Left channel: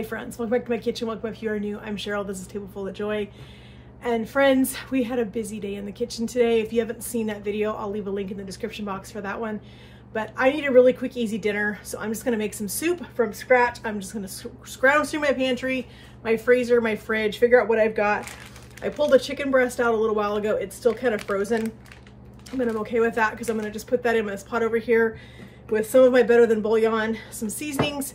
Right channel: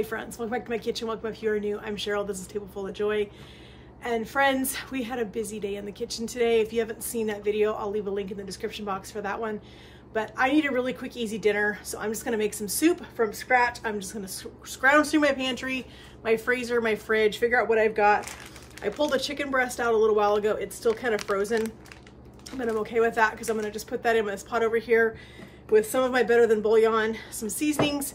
Hi friends, welcome back to my kitchen. Welcome if you are new. I'm Cheryl, this is Table Full of Joy. And friends, we had a busy day in the kitchen today. If you haven't seen that video, I'll leave a link in the description box for that one. But I need a really quick, easy dinner. So I'm just gonna make some soup from scratch. I'm just gonna scrounge through my pantry, my freezer, my fridge, figure out what I've got. I pulled the chicken breast out a little while ago. It's still kind of frozen, but I'm okay with that because I'm gonna just put that in this pot over here with some of my Better Than Bouillon, some seasonings,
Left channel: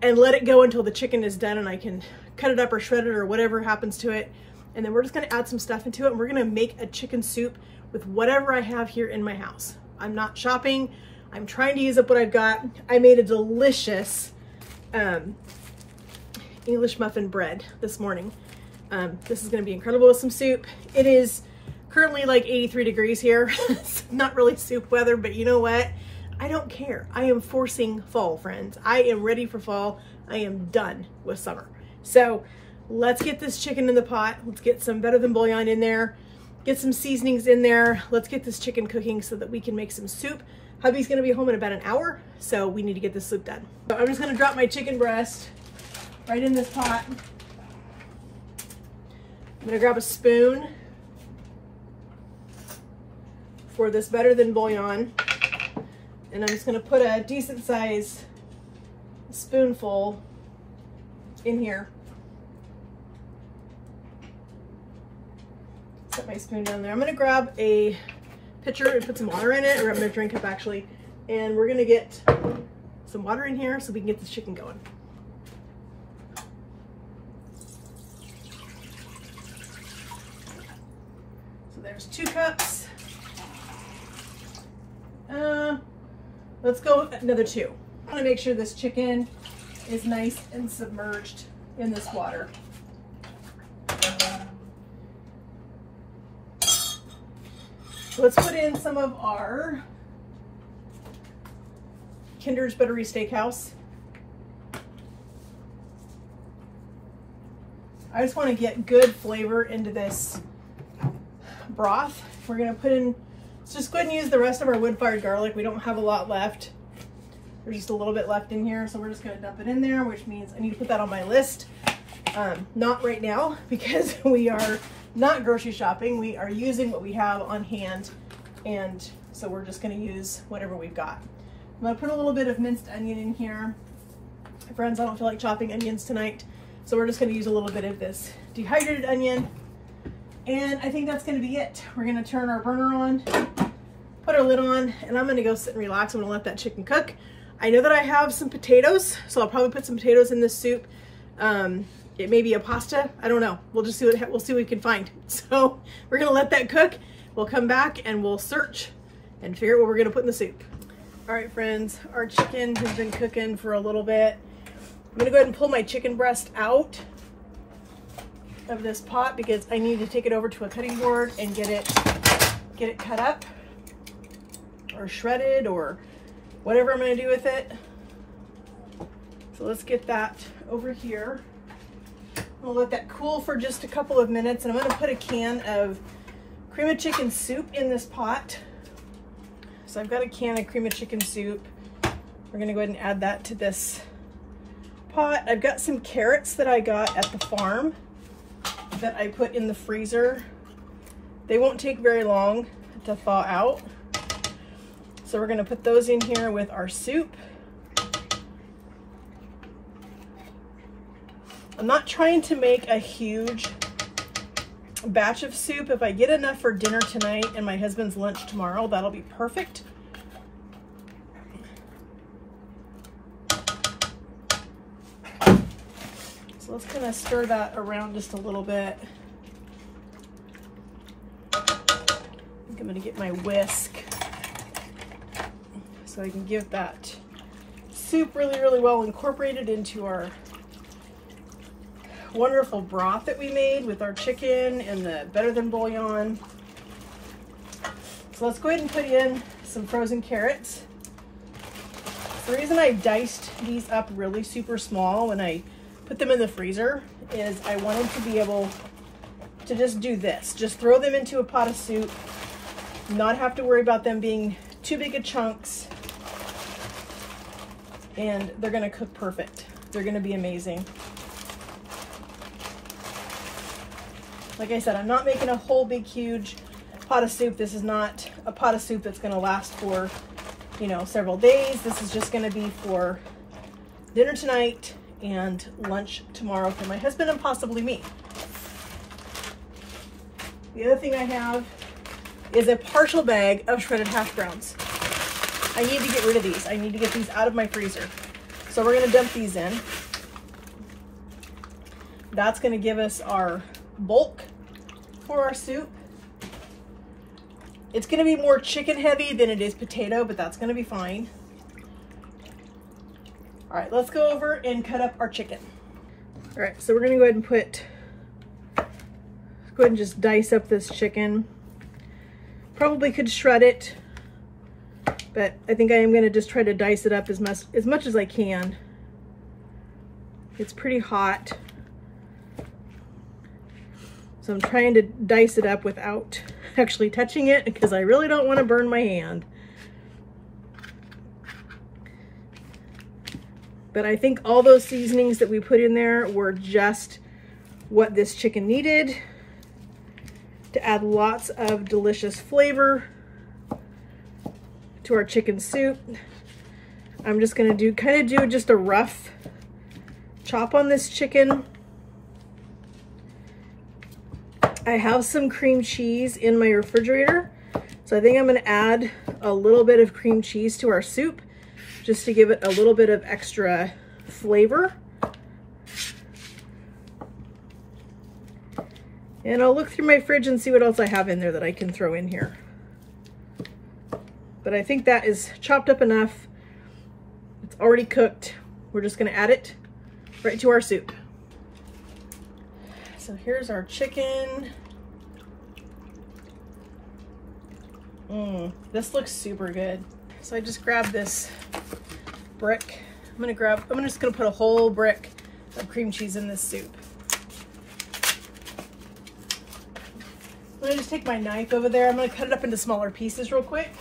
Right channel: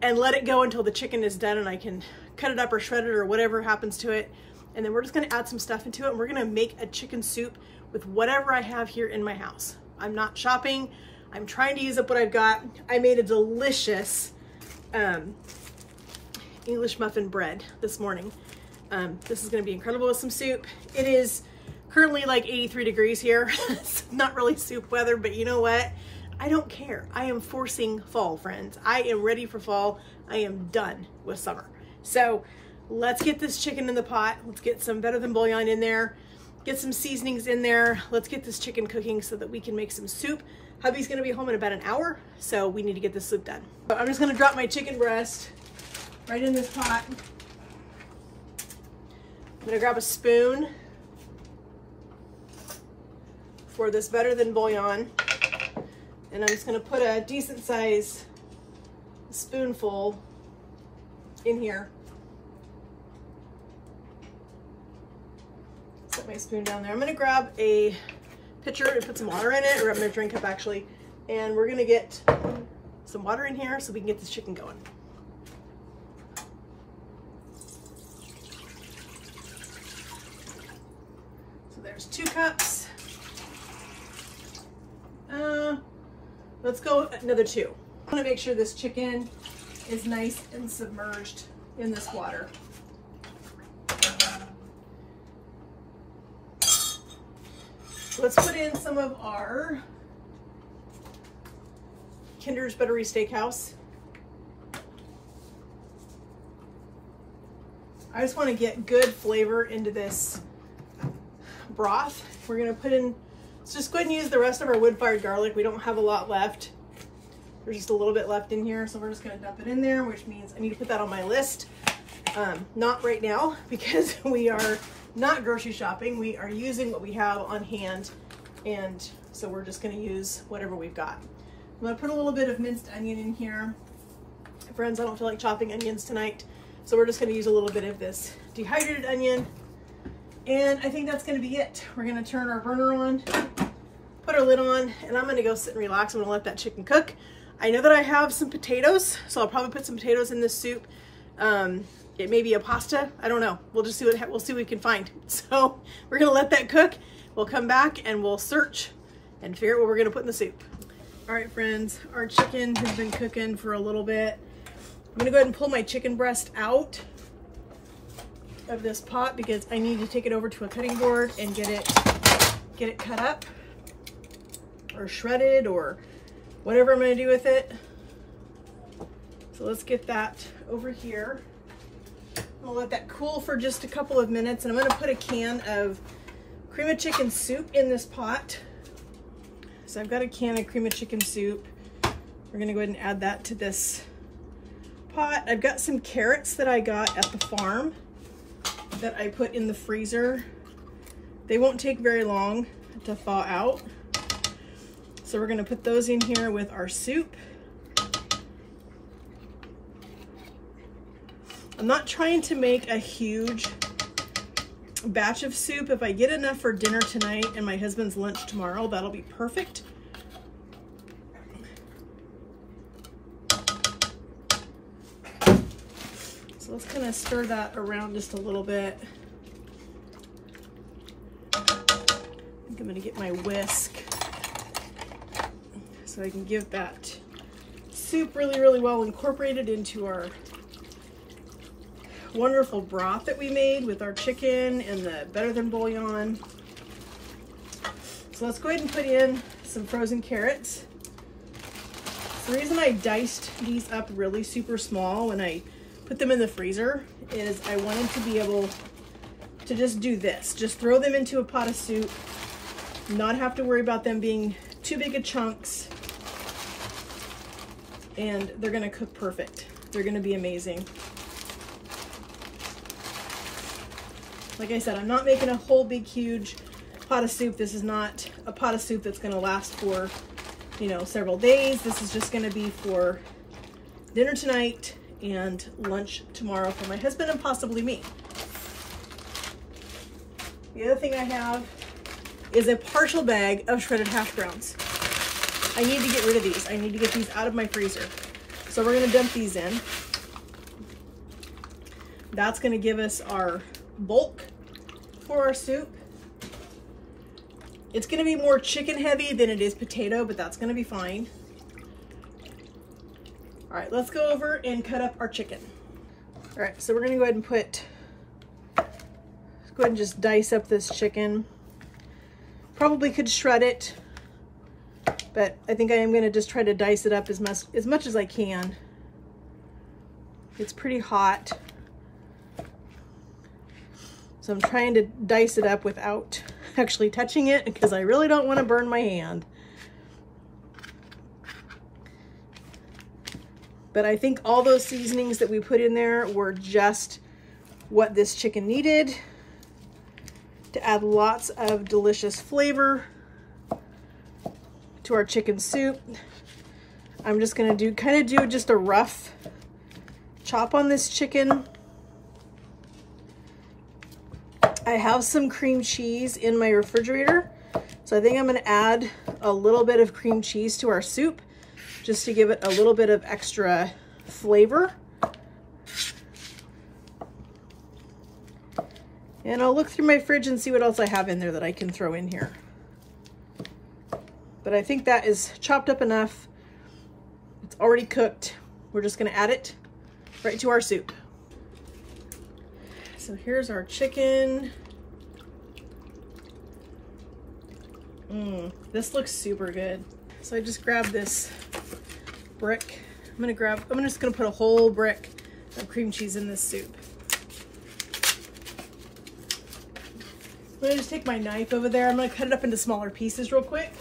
and let it go until the chicken is done and I can cut it up or shred it or whatever happens to it. And then we're just gonna add some stuff into it and we're gonna make a chicken soup with whatever I have here in my house. I'm not shopping. I'm trying to use up what I've got. I made a delicious English muffin bread this morning. This is gonna be incredible with some soup. It is currently like 83 degrees here. It's not really soup weather, but you know what? I don't care. I am forcing fall, friends. I am ready for fall. I am done with summer. So let's get this chicken in the pot. Let's get some Better Than Bouillon in there. Get some seasonings in there. Let's get this chicken cooking so that we can make some soup. Hubby's gonna be home in about an hour, so we need to get this soup done. So I'm just gonna drop my chicken breast right in this pot. I'm gonna grab a spoon for this Better Than Bouillon. And I'm just gonna put a decent size spoonful in here. Set my spoon down there. I'm gonna grab a pitcher and put some water in it, or I'm gonna drink up actually. And we're gonna get some water in here so we can get this chicken going. So there's 2 cups. Let's go another 2. I want to make sure this chicken is nice and submerged in this water. So let's put in some of our Kinder's Buttery Steakhouse. I just want to get good flavor into this broth. We're going to put in, let's just go ahead and use the rest of our wood-fired garlic. We don't have a lot left. There's just a little bit left in here, so we're just going to dump it in there, which means I need to put that on my list. Not right now, because we are not grocery shopping. We are using what we have on hand, and so we're just going to use whatever we've got. I'm going to put a little bit of minced onion in here. Friends, I don't feel like chopping onions tonight, so we're just going to use a little bit of this dehydrated onion. And I think that's gonna be it. We're gonna turn our burner on, put our lid on, and I'm gonna go sit and relax. I'm gonna let that chicken cook. I know that I have some potatoes, so I'll probably put some potatoes in this soup. It may be a pasta, I don't know. We'll just see we'll see what we can find. So we're gonna let that cook. We'll come back and we'll search and figure out what we're gonna put in the soup. All right, friends, our chicken has been cooking for a little bit. I'm gonna go ahead and pull my chicken breast out of this pot because I need to take it over to a cutting board and get it cut up or shredded or whatever I'm going to do with it. So let's get that over here. We'll let that cool for just a couple of minutes, and I'm going to put a can of cream of chicken soup in this pot. So I've got a can of cream of chicken soup. We're going to go ahead and add that to this pot. I've got some carrots that I got at the farm that I put in the freezer. They won't take very long to thaw out. So we're gonna put those in here with our soup. I'm not trying to make a huge batch of soup. If I get enough for dinner tonight and my husband's lunch tomorrow, that'll be perfect. So let's kind of stir that around just a little bit. I think I'm going to get my whisk so I can give that soup really, really well incorporated into our wonderful broth that we made with our chicken and the Better Than Bouillon. So let's go ahead and put in some frozen carrots. The reason I diced these up really super small when I put them in the freezer is I wanted to be able to just do this. Just throw them into a pot of soup, not have to worry about them being too big of chunks, and they're gonna cook perfect. They're gonna be amazing. Like I said, I'm not making a whole big, huge pot of soup. This is not a pot of soup that's gonna last for, you know, several days. This is just gonna be for dinner tonight and lunch tomorrow for my husband and possibly me. The other thing I have is a partial bag of shredded hash browns. I need to get rid of these. I need to get these out of my freezer. So we're gonna dump these in. That's gonna give us our bulk for our soup. It's gonna be more chicken heavy than it is potato, but that's gonna be fine. All right, let's go over and cut up our chicken. All right, so we're gonna go ahead and go ahead and just dice up this chicken. Probably could shred it, but I think I am gonna just try to dice it up as much as I can. It's pretty hot. So I'm trying to dice it up without actually touching it because I really don't want to burn my hand. But I think all those seasonings that we put in there were just what this chicken needed to add lots of delicious flavor to our chicken soup. I'm just gonna do just a rough chop on this chicken. I have some cream cheese in my refrigerator, so I think I'm gonna add a little bit of cream cheese to our soup just to give it a little bit of extra flavor. And I'll look through my fridge and see what else I have in there that I can throw in here. But I think that is chopped up enough. It's already cooked. We're just gonna add it right to our soup. So here's our chicken. This looks super good. So I just grabbed this brick. I'm just gonna put a whole brick of cream cheese in this soup. I'm gonna just take my knife over there. I'm gonna cut it up into smaller pieces real quick.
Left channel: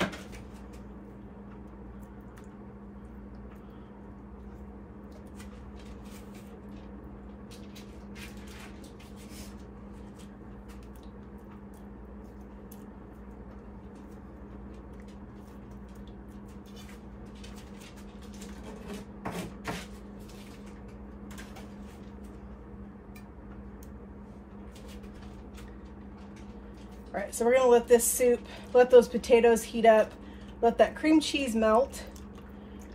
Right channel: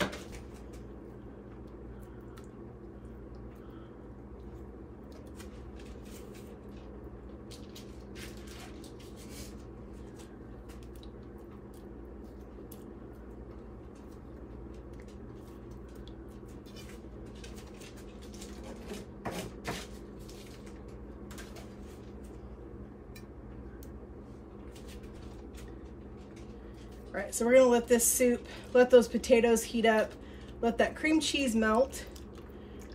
All right, so we're gonna let this soup, let those potatoes heat up, let that cream cheese melt,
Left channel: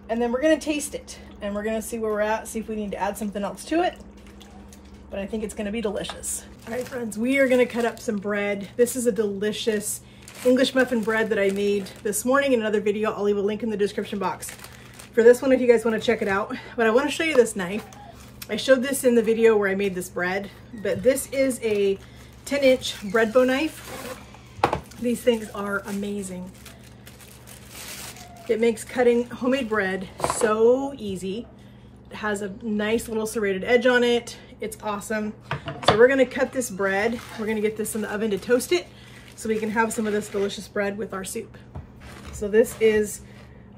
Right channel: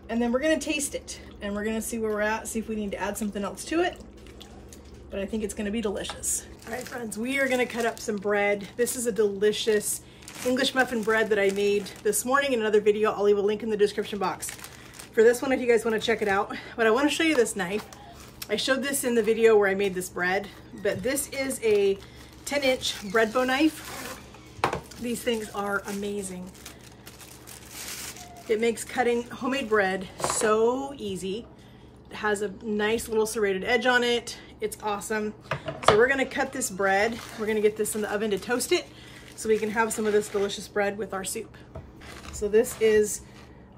and then we're gonna taste it. And we're gonna see where we're at, see if we need to add something else to it. But I think it's gonna be delicious. All right, friends, we are gonna cut up some bread. This is a delicious English muffin bread that I made this morning in another video. I'll leave a link in the description box for this one if you guys wanna check it out. But I wanna show you this knife. I showed this in the video where I made this bread, but this is a 10-inch bread bow knife. These things are amazing. It makes cutting homemade bread so easy. It has a nice little serrated edge on it. It's awesome. So we're gonna cut this bread. We're gonna get this in the oven to toast it so we can have some of this delicious bread with our soup. So this is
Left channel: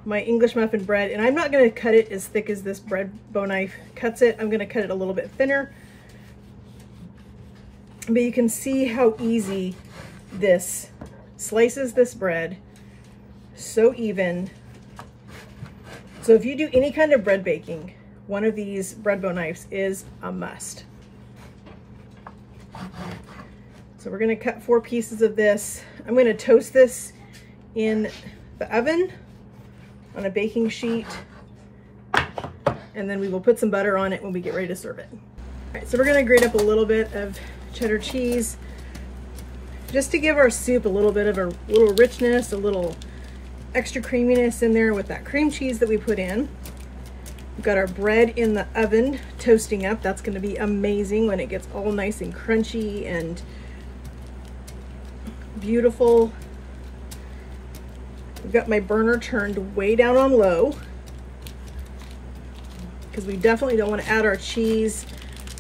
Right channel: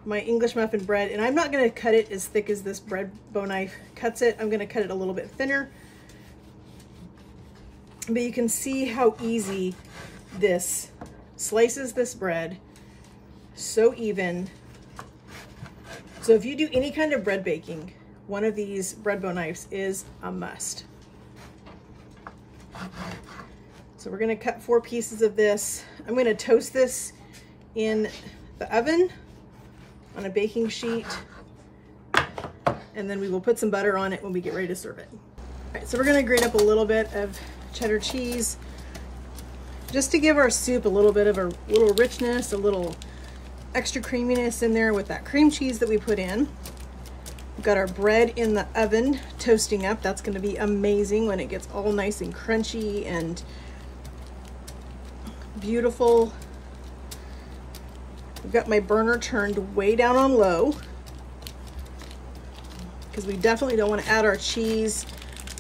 my English muffin bread, and I'm not gonna cut it as thick as this bread bow knife cuts it. I'm gonna cut it a little bit thinner. But you can see how easy this slices this bread, so even. So if you do any kind of bread baking, one of these bread bow knives is a must. So we're gonna cut 4 pieces of this. I'm gonna toast this in the oven on a baking sheet, and then we will put some butter on it when we get ready to serve it. All right, so we're gonna grate up a little bit of cheddar cheese just to give our soup a little bit of a little richness, a little extra creaminess in there with that cream cheese that we put in. We've got our bread in the oven toasting up. That's gonna be amazing when it gets all nice and crunchy and beautiful. I've got my burner turned way down on low because we definitely don't want to add our cheese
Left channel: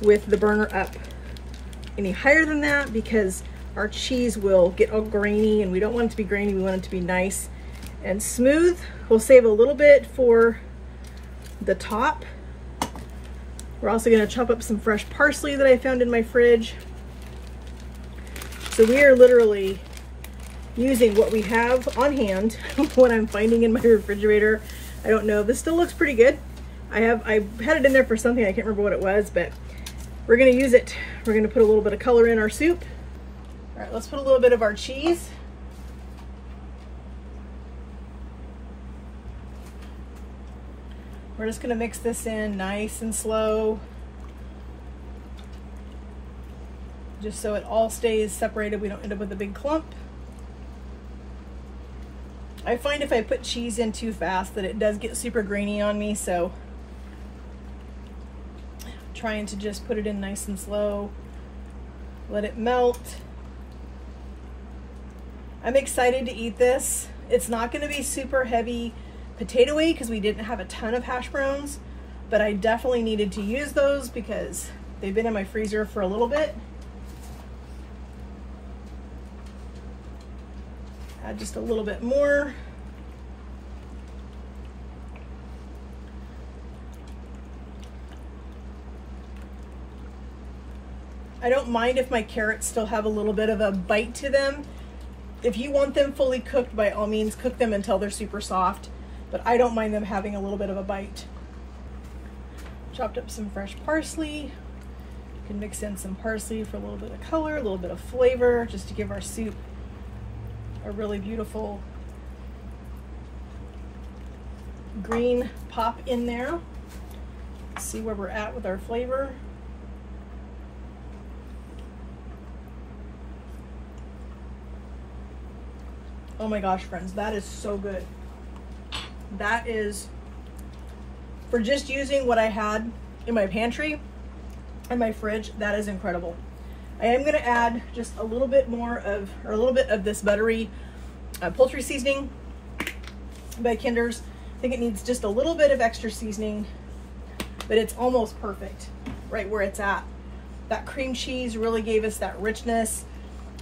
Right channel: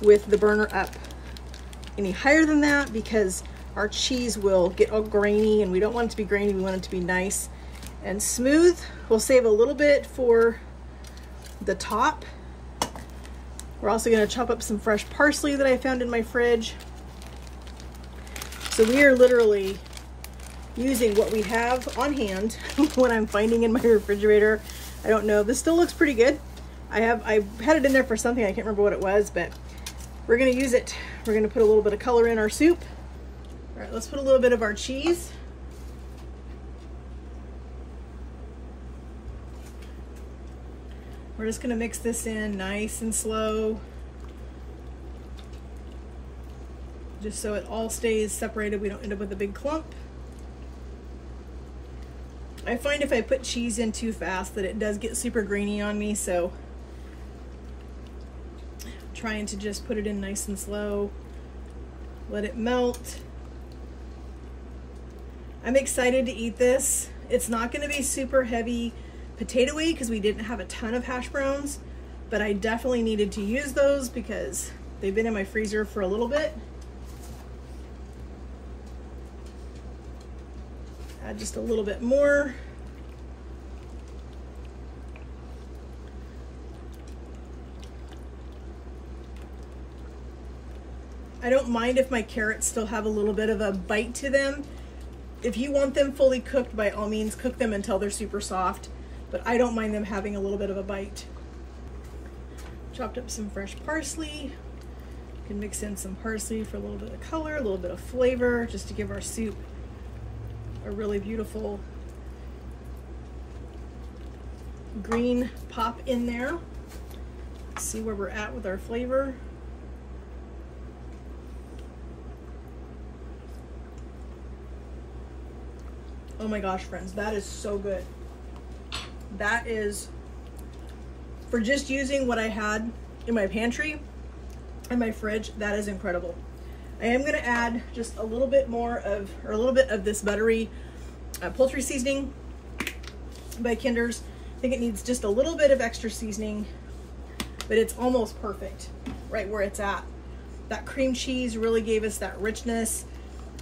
with the burner up any higher than that because our cheese will get all grainy, and we don't want it to be grainy. We want it to be nice and smooth. We'll save a little bit for the top. We're also going to chop up some fresh parsley that I found in my fridge. So we are literally using what we have on hand, what I'm finding in my refrigerator. I don't know, this still looks pretty good. I had it in there for something, I can't remember what it was, but we're gonna use it. We're gonna put a little bit of color in our soup. All right, let's put a little bit of our cheese. We're just gonna mix this in nice and slow, just so it all stays separated. We don't end up with a big clump. I find if I put cheese in too fast that it does get super grainy on me, so I'm trying to just put it in nice and slow, let it melt. I'm excited to eat this. It's not gonna be super heavy potato-y because we didn't have a ton of hash browns, but I definitely needed to use those because they've been in my freezer for a little bit. Add just a little bit more. I don't mind if my carrots still have a little bit of a bite to them. If you want them fully cooked, by all means, cook them until they're super soft, but I don't mind them having a little bit of a bite. Chopped up some fresh parsley. You can mix in some parsley for a little bit of color, a little bit of flavor, just to give our soup a really beautiful green pop in there. Let's see where we're at with our flavor. Oh my gosh, friends, that is so good. That is, for just using what I had in my pantry and my fridge, that is incredible. I am gonna add just a little bit more of, or a little bit of this buttery poultry seasoning by Kinder's. I think it needs just a little bit of extra seasoning, but it's almost perfect right where it's at. That cream cheese really gave us that richness.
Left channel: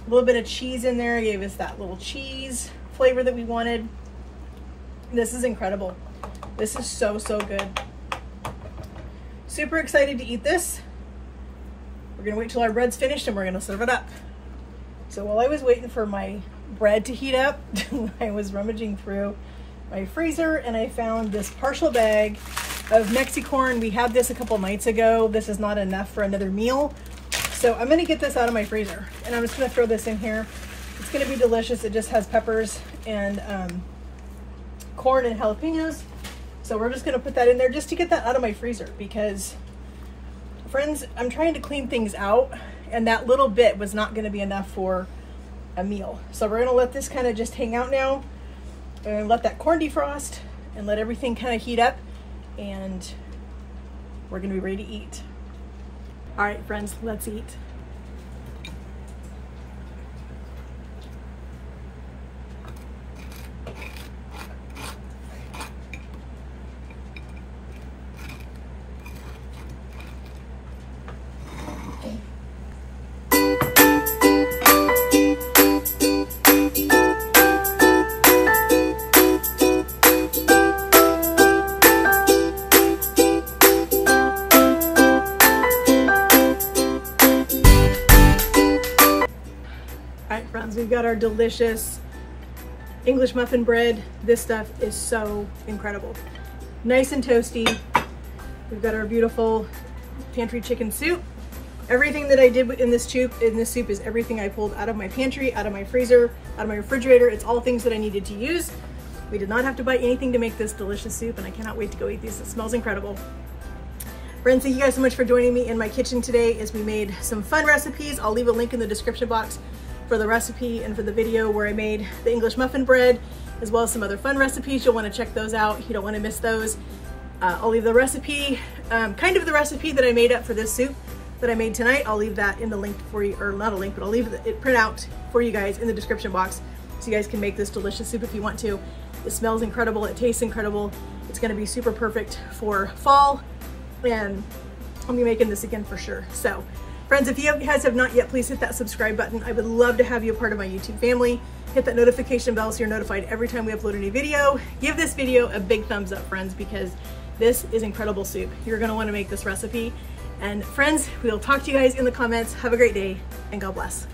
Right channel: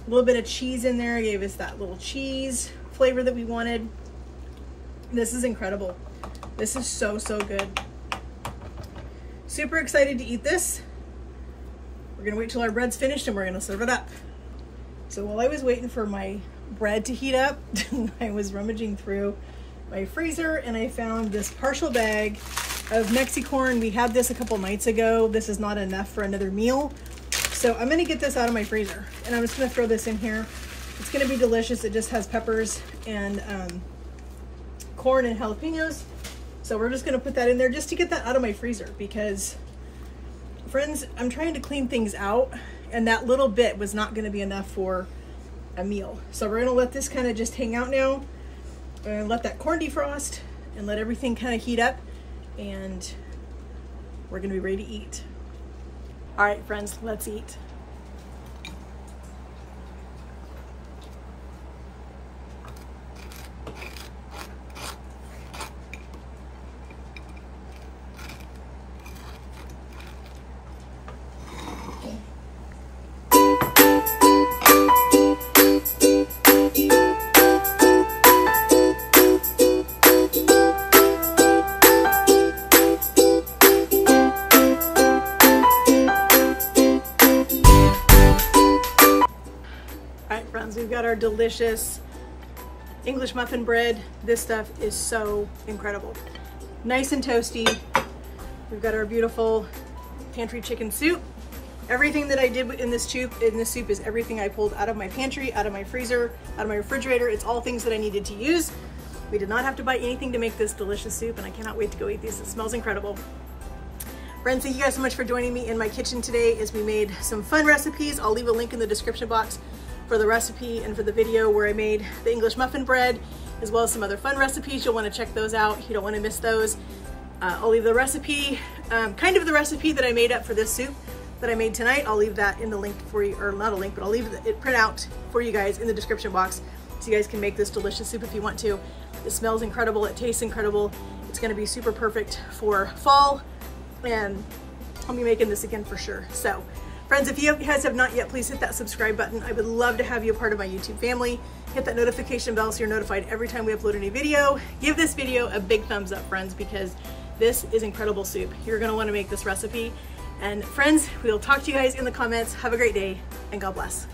A little bit of cheese in there gave us that little cheese flavor that we wanted. This is incredible. This is so, so good. Super excited to eat this. We're gonna wait till our bread's finished and we're gonna serve it up. So while I was waiting for my bread to heat up, I was rummaging through my freezer and I found this partial bag of Mexicorn. We had this a couple nights ago. This is not enough for another meal. So I'm gonna get this out of my freezer and I'm just gonna throw this in here. It's gonna be delicious. It just has peppers and corn and jalapenos. So we're just gonna put that in there just to get that out of my freezer because, friends, I'm trying to clean things out and that little bit was not gonna be enough for a meal. So we're gonna let this kind of just hang out now and let that corn defrost and let everything kind of heat up and we're gonna be ready to eat. All right, friends, let's eat. We've got our delicious English muffin bread. This stuff is so incredible. Nice and toasty. We've got our beautiful pantry chicken soup. Everything that I did in this soup is everything I pulled out of my pantry, out of my freezer, out of my refrigerator. It's all things that I needed to use. We did not have to buy anything to make this delicious soup and I cannot wait to go eat these. It smells incredible. Friends, thank you guys so much for joining me in my kitchen today as we made some fun recipes. I'll leave a link in the description box for the recipe and for the video where I made the English muffin bread, as well as some other fun recipes. You'll want to check those out. You don't want to miss those. I'll leave the recipe, kind of the recipe that I made up for this soup that I made tonight. I'll leave that in the link for you, or not a link, but I'll leave it print out for you guys in the description box so you guys can make this delicious soup if you want to. It smells incredible. It tastes incredible. It's going to be super perfect for fall and I'll be making this again for sure. So friends, if you guys have not yet, please hit that subscribe button. I would love to have you a part of my YouTube family. Hit that notification bell so you're notified every time we upload a new video. Give this video a big thumbs up, friends, because this is incredible soup. You're gonna wanna make this recipe. And friends, we'll talk to you guys in the comments. Have a great day and God bless.